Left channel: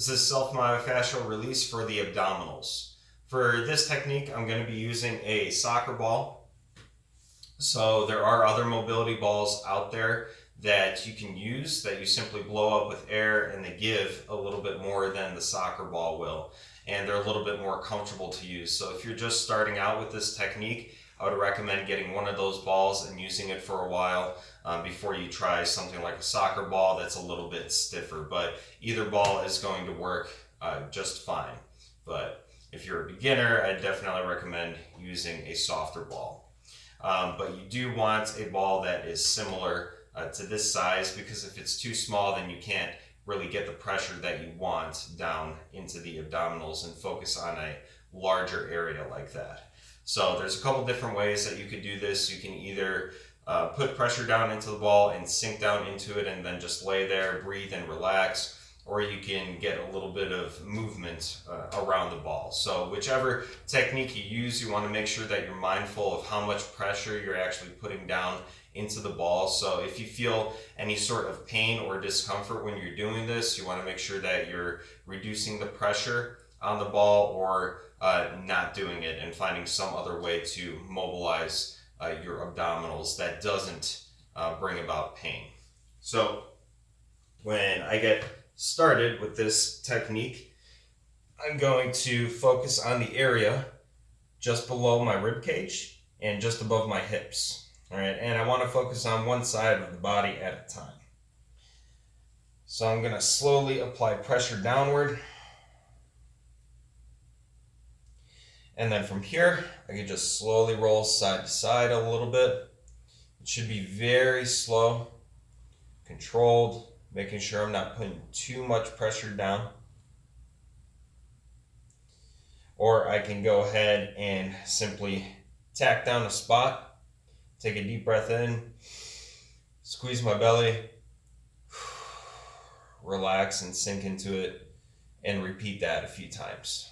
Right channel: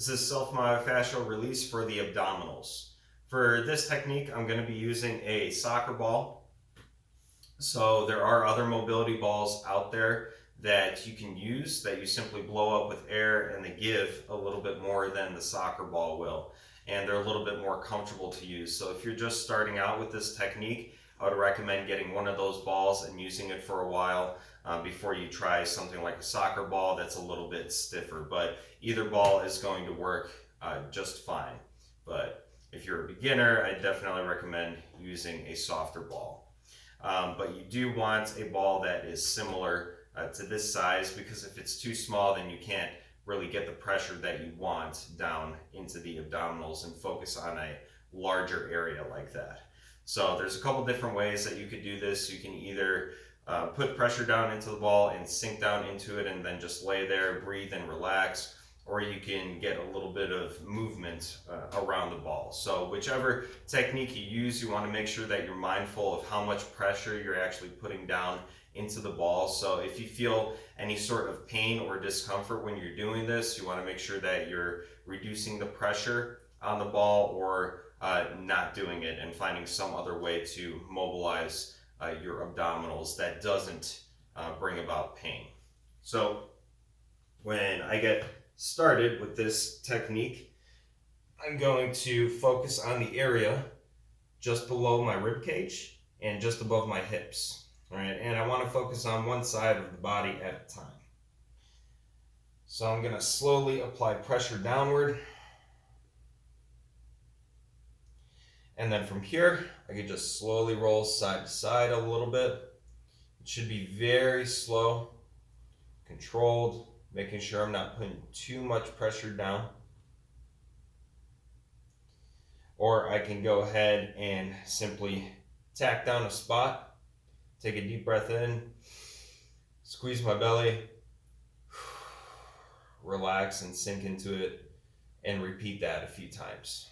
This is self-myofascial release for the abdominals. For this technique, I'm going to be using a soccer ball. So there are other mobility balls out there that you can use that you simply blow up with air, and they give a little bit more than the soccer ball will. And they're a little bit more comfortable to use. So if you're just starting out with this technique, I would recommend getting one of those balls and using it for a while before you try something like a soccer ball that's a little bit stiffer. But either ball is going to work just fine. But if you're a beginner, I definitely recommend using a softer ball. But you do want a ball that is similar to this size, because if it's too small, then you can't really get the pressure that you want down into the abdominals and focus on a larger area like that. So there's a couple different ways that you could do this. You can either put pressure down into the ball and sink down into it and then just lay there, breathe and relax, or you can get a little bit of movement around the ball. So whichever technique you use, you want to make sure that you're mindful of how much pressure you're actually putting down into the ball. So if you feel any sort of pain or discomfort when you're doing this, you want to make sure that you're reducing the pressure on the ball, or not doing it and finding some other way to mobilize your abdominals that doesn't bring about pain. So when I get started with this technique, I'm going to focus on the area just below my rib cage and just above my hips. All right, and I want to focus on one side of the body at a time. So I'm going to slowly apply pressure downward. And then from here, I can just slowly roll side to side a little bit. It should be very slow, controlled, making sure I'm not putting too much pressure down. Or I can go ahead and simply tack down a spot. Take a deep breath in, squeeze my belly, relax and sink into it, and repeat that a few times.